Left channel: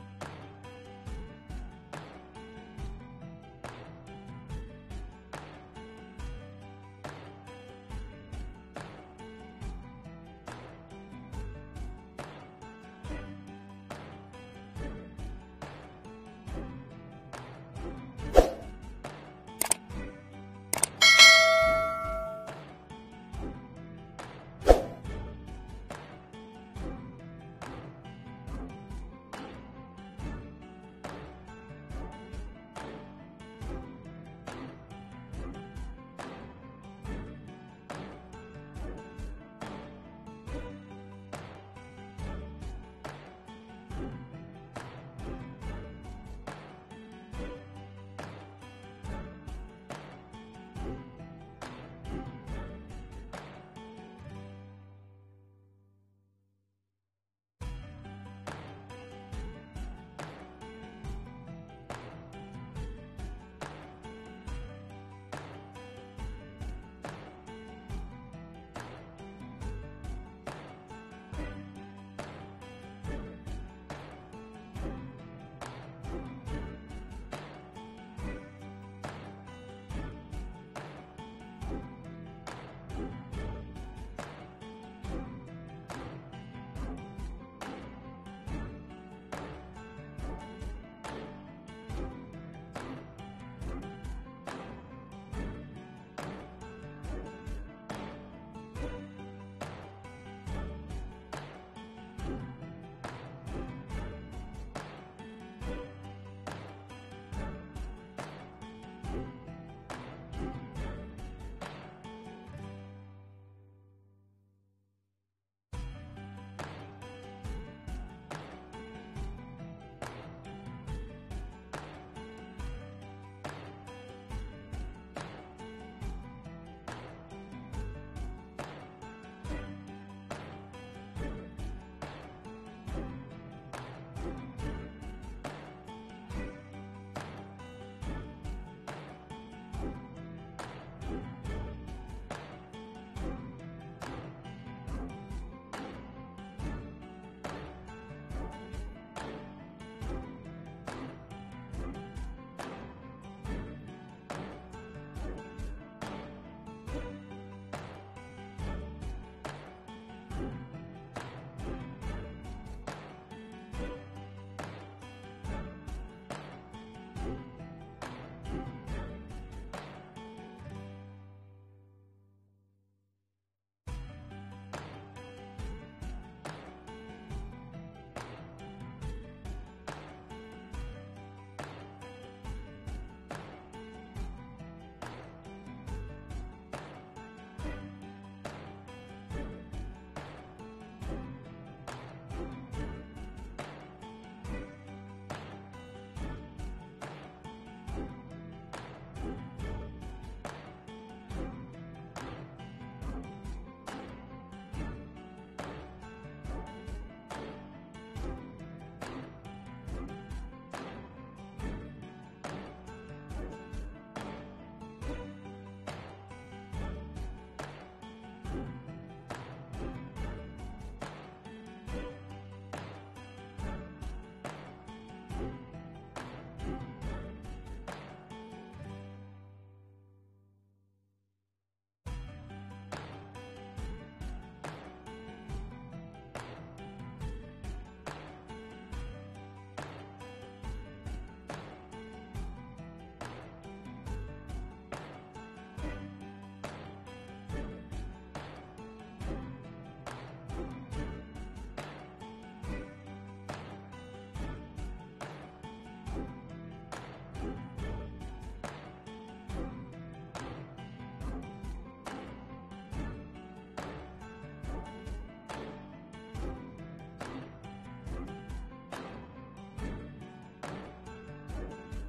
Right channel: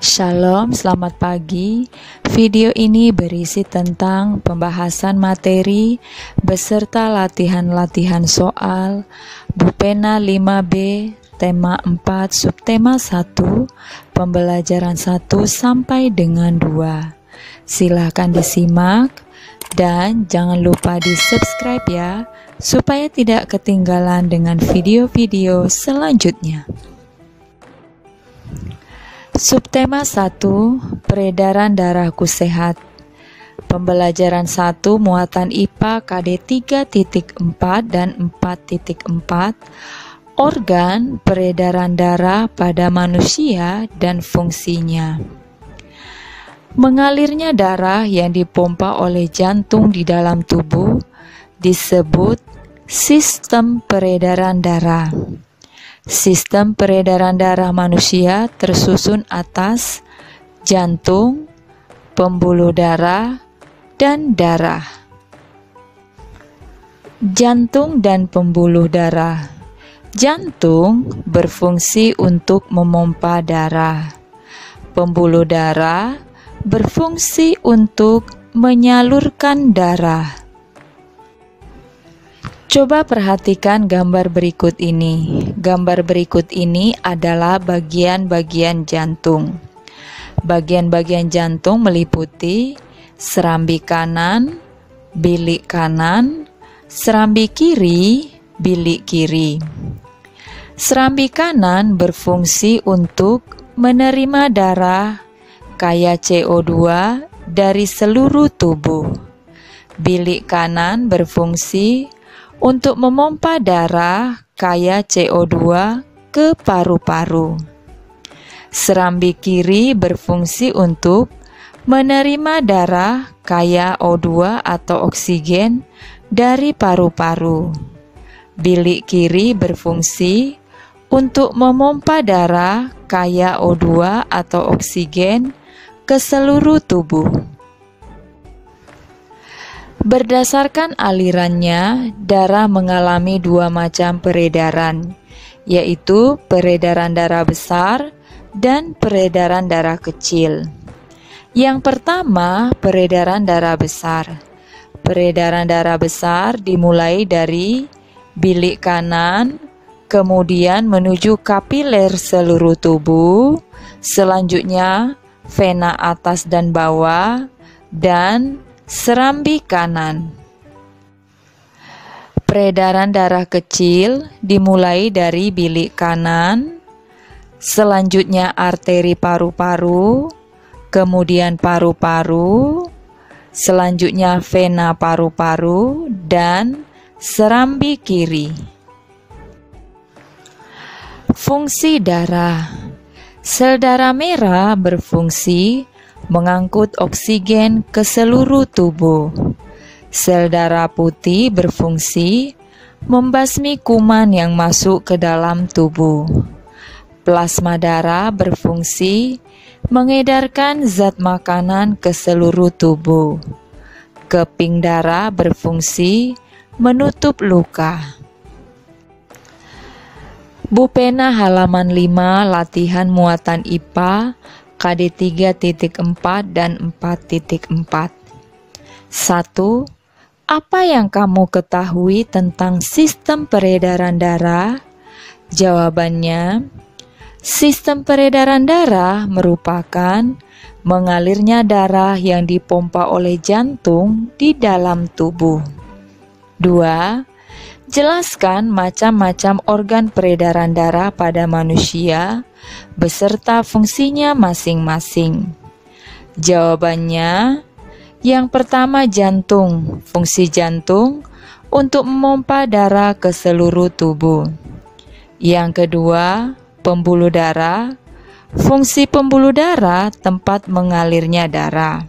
Shalom, selamat pagi. Video ini berisi tentang pembahasan materi beserta latihan-latihan soal Bupena 5B, tema 4, subtema 1, pembelajaran 1 sampai dengan 2. Silakan disimak dan jangan lupa di-subscribe ya, supaya tidak ketinggalan dengan video-video selanjutnya. Subtema 1, peredaran darahku sehat. Pembelajaran 1, muatan IPA KD 3.4 dan 4.4, organ peredaran darah pada manusia dan fungsinya. Mengalirnya darah yang dipompa oleh jantung di dalam tubuh disebut sistem peredaran darah. Sistem peredaran darah manusia tersusun atas jantung, pembuluh darah, dan darah. Jantung dan pembuluh darah. Jantung berfungsi untuk memompa darah. Pembuluh darah berfungsi untuk menyalurkan darah. Coba perhatikan gambar berikut ini. Gambar berikut ini adalah bagian-bagian jantung. Bagian-bagian jantung meliputi serambi kanan, bilik kanan, serambi kiri, bilik kiri. Serambi kanan berfungsi untuk menerima darah kaya CO2 dari seluruh tubuh. Bilik kanan berfungsi untuk memompa darah kaya CO2 ke paru-paru. Serambi kiri berfungsi untuk menerima darah kaya O2 atau oksigen dari paru-paru. Bilik kiri berfungsi untuk memompa darah kaya O2 atau oksigen ke seluruh tubuh. Berdasarkan alirannya, darah mengalami dua macam peredaran, yaitu peredaran darah besar dan peredaran darah kecil. Yang pertama, peredaran darah besar. Peredaran darah besar dimulai dari bilik kanan, kemudian menuju kapiler seluruh tubuh, selanjutnya vena atas dan bawah, dan serambi kanan. Peredaran darah kecil dimulai dari bilik kanan, selanjutnya arteri paru-paru, kemudian paru-paru, selanjutnya vena paru-paru, dan serambi kiri. Fungsi darah. Sel darah merah berfungsi mengangkut oksigen ke seluruh tubuh. Sel darah putih berfungsi membasmi kuman yang masuk ke dalam tubuh. Plasma darah berfungsi mengedarkan zat makanan ke seluruh tubuh. Keping darah berfungsi menutup luka. Bupena halaman 5, latihan muatan IPA KD 3.4 dan 4.4. 1. Apa yang kamu ketahui tentang sistem peredaran darah? Jawabannya, sistem peredaran darah merupakan mengalirnya darah yang dipompa oleh jantung di dalam tubuh. 2. Jelaskan macam-macam organ peredaran darah pada manusia beserta fungsinya masing-masing. Jawabannya, yang pertama jantung. Fungsi jantung untuk memompa darah ke seluruh tubuh. Yang kedua, pembuluh darah. Fungsi pembuluh darah tempat mengalirnya darah.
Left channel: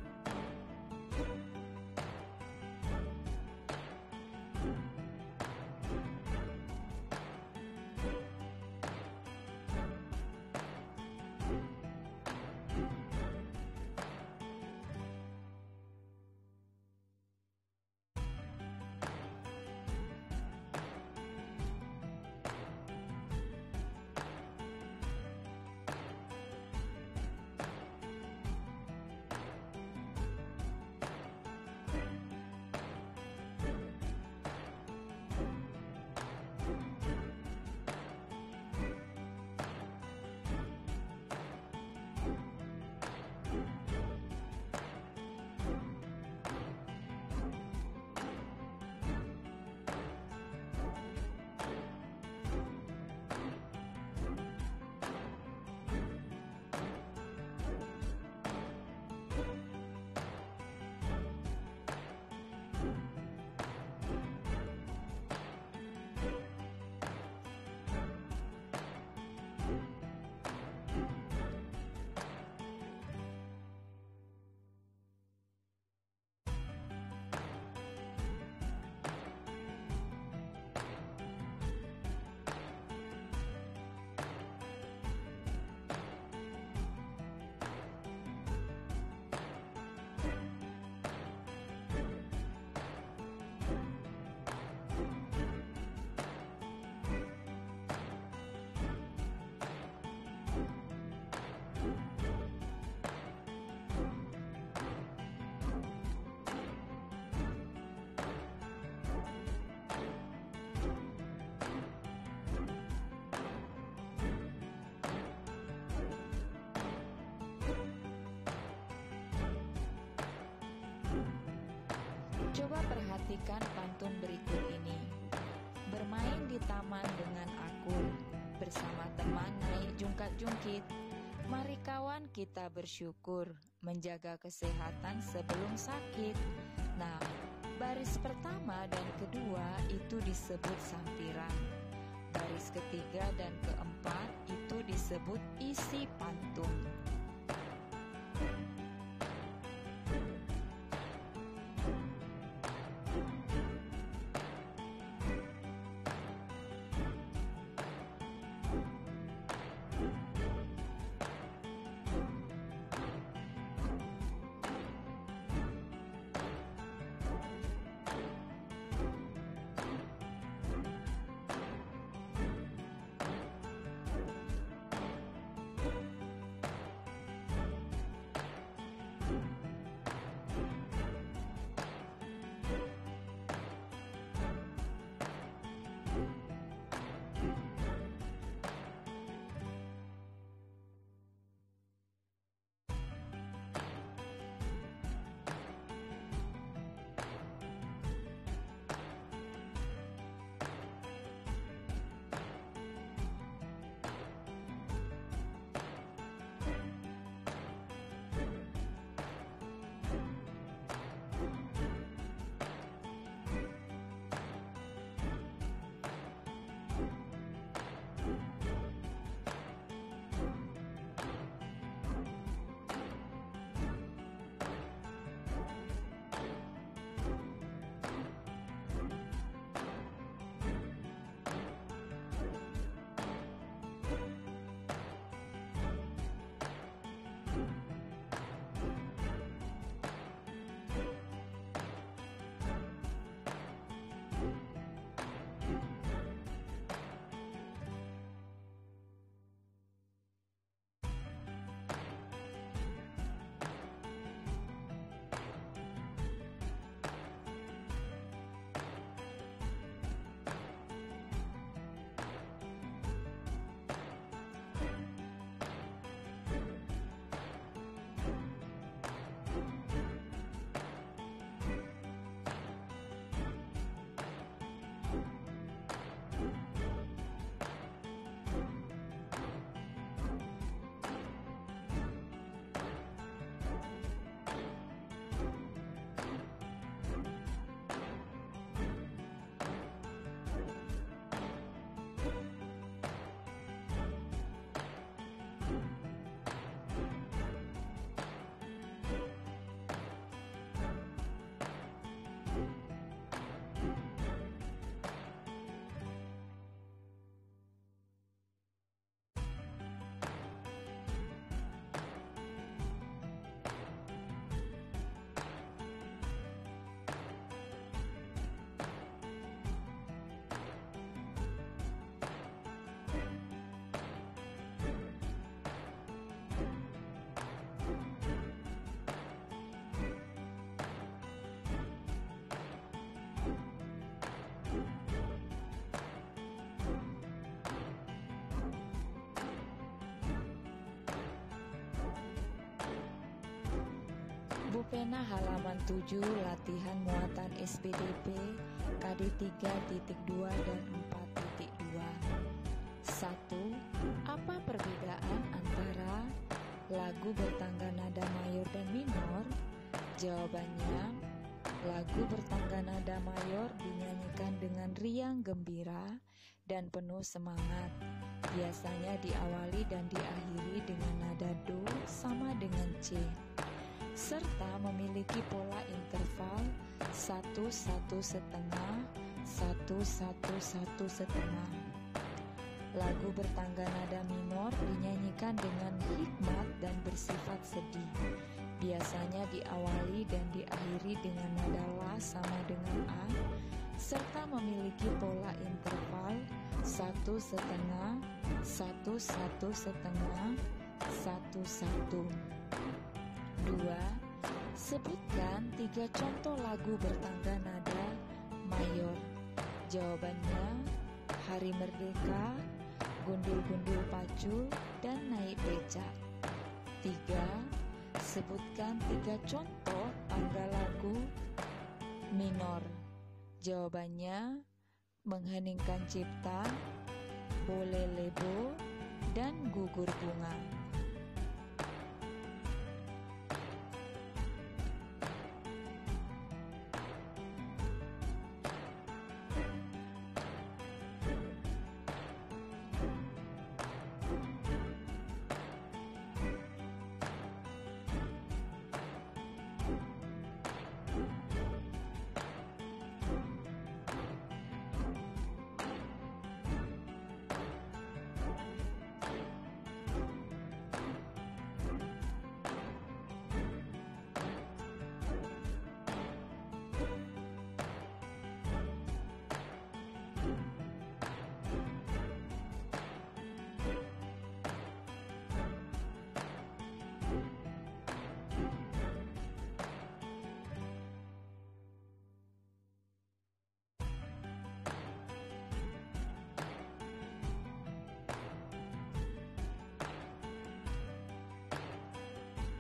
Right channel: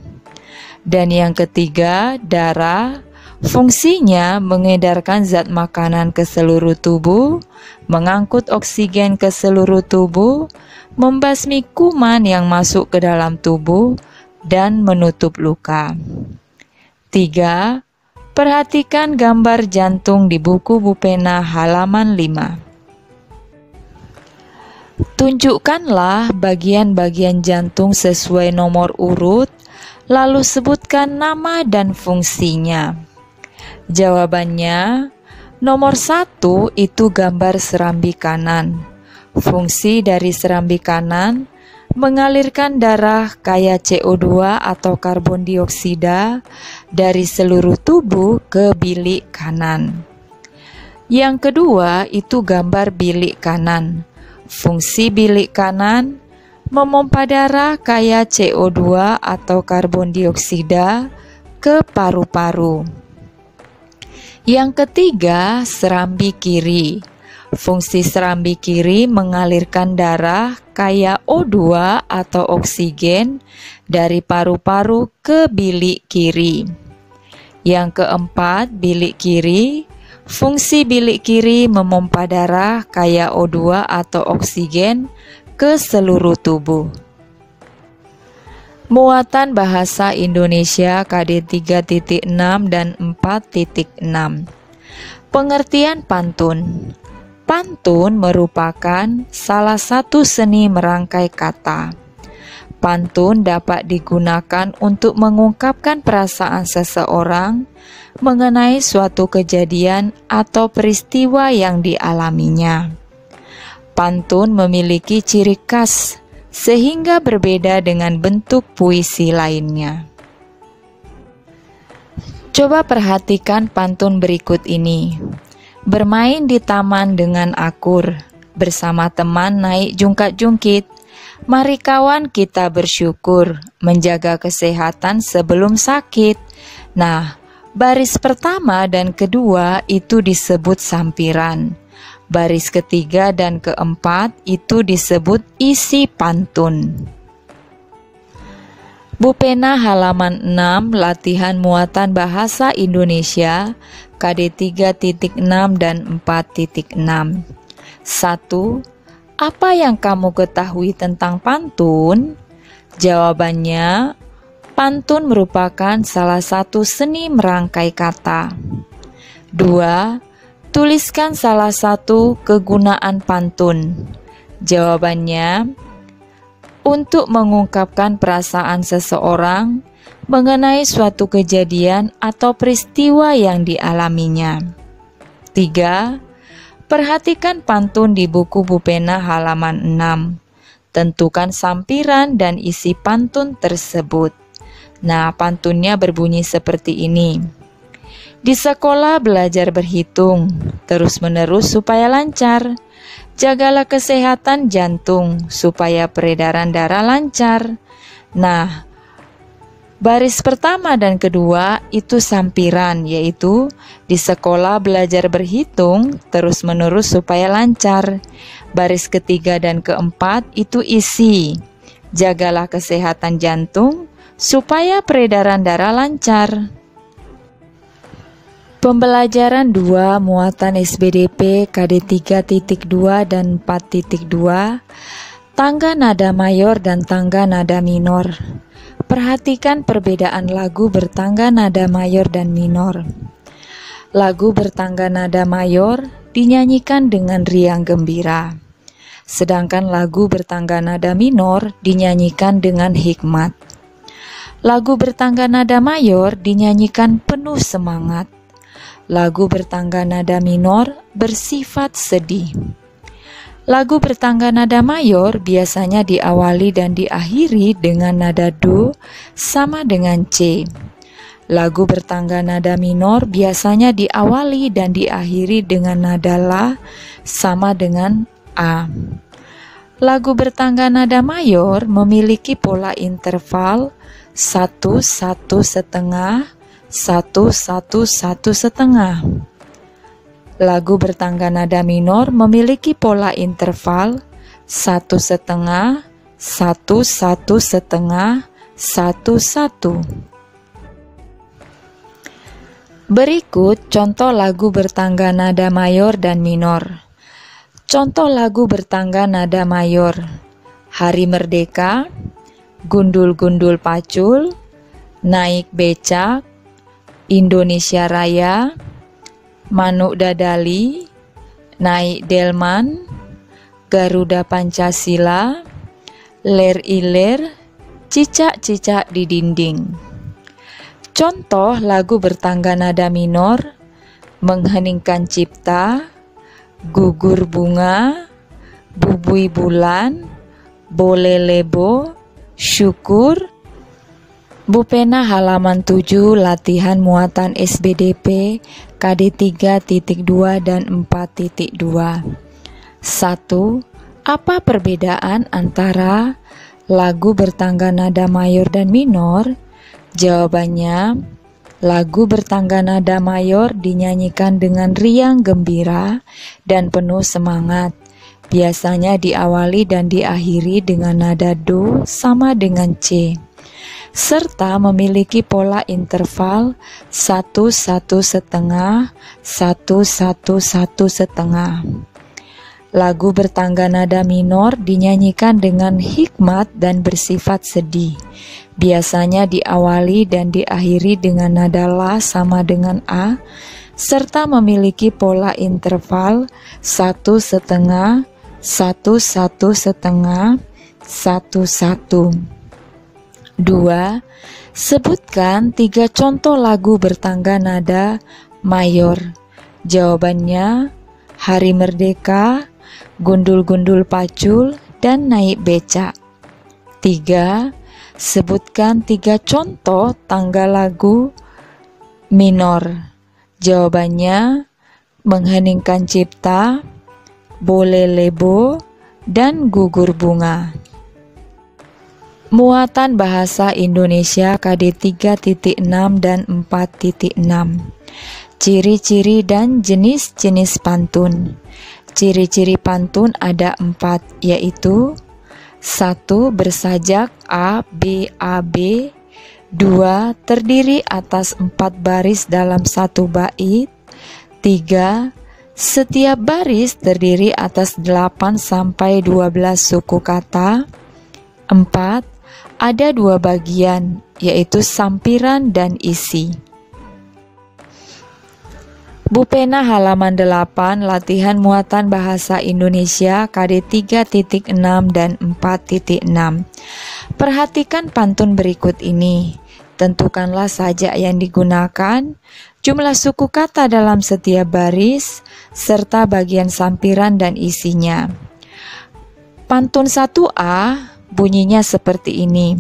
Dan yang ketiga, darah. Fungsinya mengedarkan zat makanan ke seluruh tubuh, mengangkut oksigen ke seluruh tubuh, membasmi kuman yang masuk ke dalam tubuh, dan menutup luka. 3. Perhatikan gambar jantung di buku Bupena halaman 5. Tunjukkanlah bagian-bagian jantung sesuai nomor urut, lalu sebutkan nama dan fungsinya. Jawabannya, nomor 1 itu gambar serambi kanan. Fungsi dari serambi kanan mengalirkan darah kaya CO2 atau karbon dioksida dari seluruh tubuh ke bilik kanan. Yang kedua itu gambar bilik kanan. Fungsi bilik kanan memompa darah kaya CO2 atau karbon dioksida ke paru-paru. Yang ketiga, serambi kiri. Fungsi serambi kiri mengalirkan darah kaya O2 atau oksigen dari paru-paru ke bilik kiri. Yang keempat, bilik kiri. Fungsi bilik kiri memompa darah kaya O2 atau oksigen ke seluruh tubuh. Muatan bahasa Indonesia KD 3.6 dan 4.6. Pengertian pantun. Pantun merupakan salah satu seni merangkai kata. Pantun dapat digunakan untuk mengungkapkan perasaan seseorang mengenai suatu kejadian atau peristiwa yang dialaminya. Pantun memiliki ciri khas sehingga berbeda dengan bentuk puisi lainnya. Coba perhatikan pantun berikut ini. Bermain di taman dengan akur, bersama teman naik jungkat-jungkit. Mari kawan kita bersyukur, menjaga kesehatan sebelum sakit. Nah, baris pertama dan kedua itu disebut sampiran. Baris ketiga dan keempat itu disebut isi pantun. Bu Pena halaman 6, latihan muatan bahasa Indonesia, KD 3.6 dan 4.6. 1. Apa yang kamu ketahui tentang pantun? Jawabannya, pantun merupakan salah satu seni merangkai kata. 2. Tuliskan salah satu kegunaan pantun. Jawabannya, untuk mengungkapkan perasaan seseorang mengenai suatu kejadian atau peristiwa yang dialaminya. 3. Perhatikan pantun di buku Bu Pena halaman 6. Tentukan sampiran dan isi pantun tersebut. Nah, pantunnya berbunyi seperti ini. Di sekolah belajar berhitung, terus-menerus supaya lancar. Jagalah kesehatan jantung, supaya peredaran darah lancar. Nah, baris pertama dan kedua itu sampiran, yaitu di sekolah belajar berhitung, terus-menerus supaya lancar. Baris ketiga dan keempat itu isi. Jagalah kesehatan jantung, supaya peredaran darah lancar. Pembelajaran 2 muatan SBDP KD 3.2 dan 4.2, tangga nada mayor dan tangga nada minor. Perhatikan perbedaan lagu bertangga nada mayor dan minor. Lagu bertangga nada mayor dinyanyikan dengan riang gembira, sedangkan lagu bertangga nada minor dinyanyikan dengan hikmat. Lagu bertangga nada mayor dinyanyikan penuh semangat. Lagu bertangga nada minor bersifat sedih. Lagu bertangga nada mayor biasanya diawali dan diakhiri dengan nada do sama dengan C. Lagu bertangga nada minor biasanya diawali dan diakhiri dengan nada la sama dengan A. Lagu bertangga nada mayor memiliki pola interval 1, 1 setengah, 1, 1, 1 setengah. Lagu bertangga nada minor memiliki pola interval 1 setengah, 1, 1 setengah, 1, 1. Berikut contoh lagu bertangga nada mayor dan minor. Contoh lagu bertangga nada mayor: Hari Merdeka, Gundul-gundul pacul, Naik becak, Indonesia Raya, Manuk dadali, Naik delman, Garuda Pancasila, ler-iler, cicak-cicak di dinding. Contoh lagu bertangga nada minor: mengheningkan cipta, gugur bunga, bubui bulan, boleh lebo, syukur. Bupena halaman 7 latihan muatan SBDP KD 3.2 dan 4.2. 1. Apa perbedaan antara lagu bertangga nada mayor dan minor? Jawabannya, lagu bertangga nada mayor dinyanyikan dengan riang gembira dan penuh semangat. Biasanya diawali dan diakhiri dengan nada do sama dengan C, serta memiliki pola interval 1-1,5, 1-1-1,5. Lagu bertangga nada minor dinyanyikan dengan hikmat dan bersifat sedih. Biasanya diawali dan diakhiri dengan nada la sama dengan A, serta memiliki pola interval 1,5, 1-1,5, 1-1. 2. Sebutkan 3 contoh lagu bertangga nada mayor. Jawabannya, Hari Merdeka, Gundul-gundul pacul, dan naik becak. 3. Sebutkan 3 contoh tangga lagu minor. Jawabannya, mengheningkan cipta, boleh lebo, dan gugur bunga. Muatan bahasa Indonesia KD 3.6 dan 4.6. Ciri-ciri dan jenis-jenis pantun. Ciri-ciri pantun ada 4, yaitu 1. Bersajak A, B, A, B. 2. Terdiri atas 4 baris dalam 1 bait. 3. Setiap baris terdiri atas 8-12 suku kata. 4. Ada 2 bagian, yaitu sampiran dan isi. Bupena halaman 8 latihan muatan bahasa Indonesia KD 3.6 dan 4.6. Perhatikan pantun berikut ini. Tentukanlah sajak yang digunakan, jumlah suku kata dalam setiap baris, serta bagian sampiran dan isinya. Pantun 1A bunyinya seperti ini.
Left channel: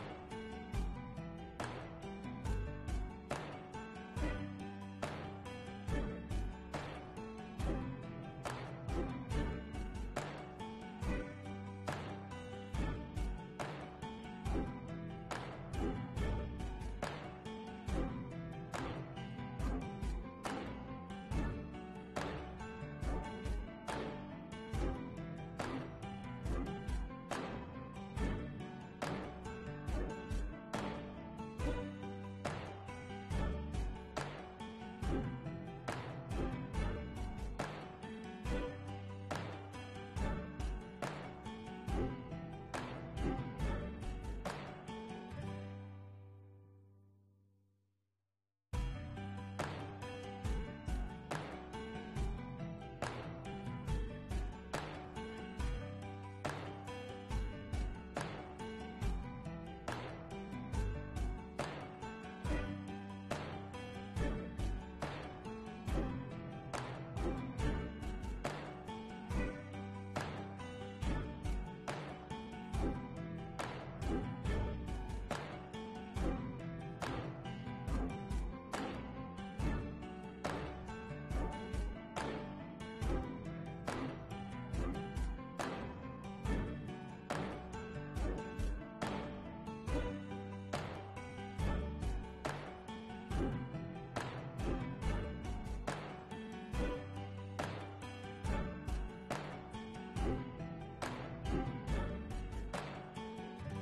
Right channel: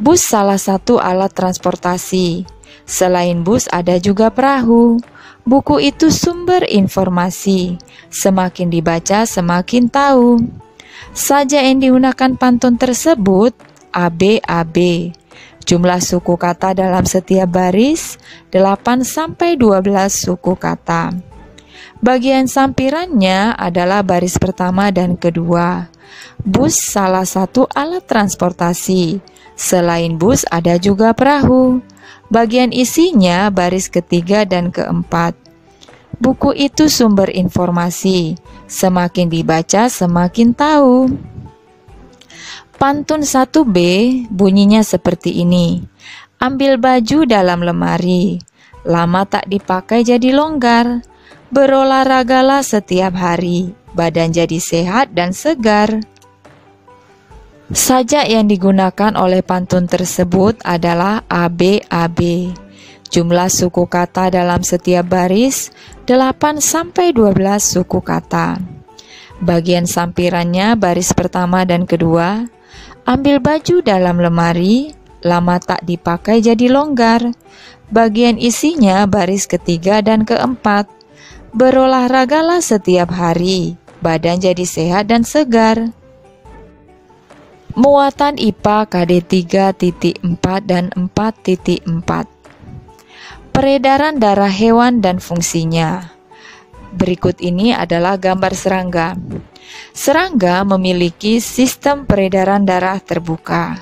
Bus salah satu alat transportasi. Selain bus ada juga perahu. Buku itu sumber informasi. Semakin dibaca semakin tahu. Sajak yang digunakan pantun tersebut ABAB. Jumlah suku kata dalam setiap baris 8-12 suku kata. Bagian sampirannya adalah baris pertama dan kedua. Bus salah satu alat transportasi. Selain bus ada juga perahu. Bagian isinya baris ketiga dan keempat. Buku itu sumber informasi. Semakin dibaca semakin tahu. Pantun 1B bunyinya seperti ini. Ambil baju dalam lemari. Lama tak dipakai jadi longgar. Berolahragalah setiap hari. Badan jadi sehat dan segar. Sajak yang digunakan oleh pantun tersebut adalah ABAB. Jumlah suku kata dalam setiap baris 8-12 suku kata. Bagian sampirannya baris pertama dan kedua. Ambil baju dalam lemari, lama tak dipakai jadi longgar. Bagian isinya baris ketiga dan keempat. Berolahragalah setiap hari, badan jadi sehat dan segar. Muatan IPA KD 3.4 dan 4.4. Peredaran darah hewan dan fungsinya. Berikut ini adalah gambar serangga. Serangga memiliki sistem peredaran darah terbuka.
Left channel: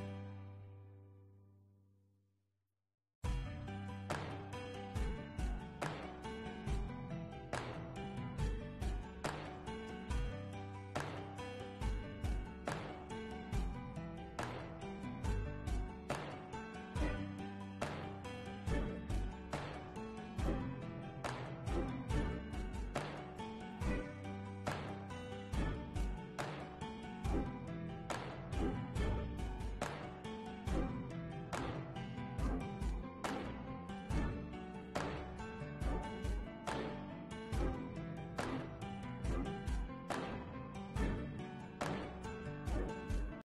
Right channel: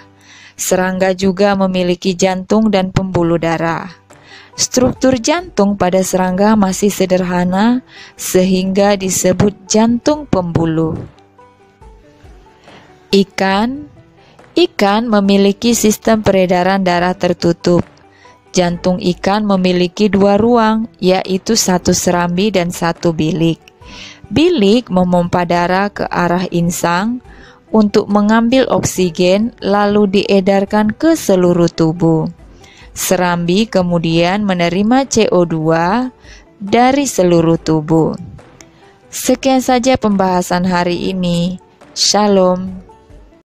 Serangga juga memiliki jantung dan pembuluh darah. Struktur jantung pada serangga masih sederhana sehingga disebut jantung pembuluh. Ikan memiliki sistem peredaran darah tertutup. Jantung ikan memiliki 2 ruang, yaitu 1 serambi dan 1 bilik. Bilik memompa darah ke arah insang untuk mengambil oksigen lalu diedarkan ke seluruh tubuh. Serambi kemudian menerima CO2 dari seluruh tubuh. Sekian saja pembahasan hari ini. Shalom.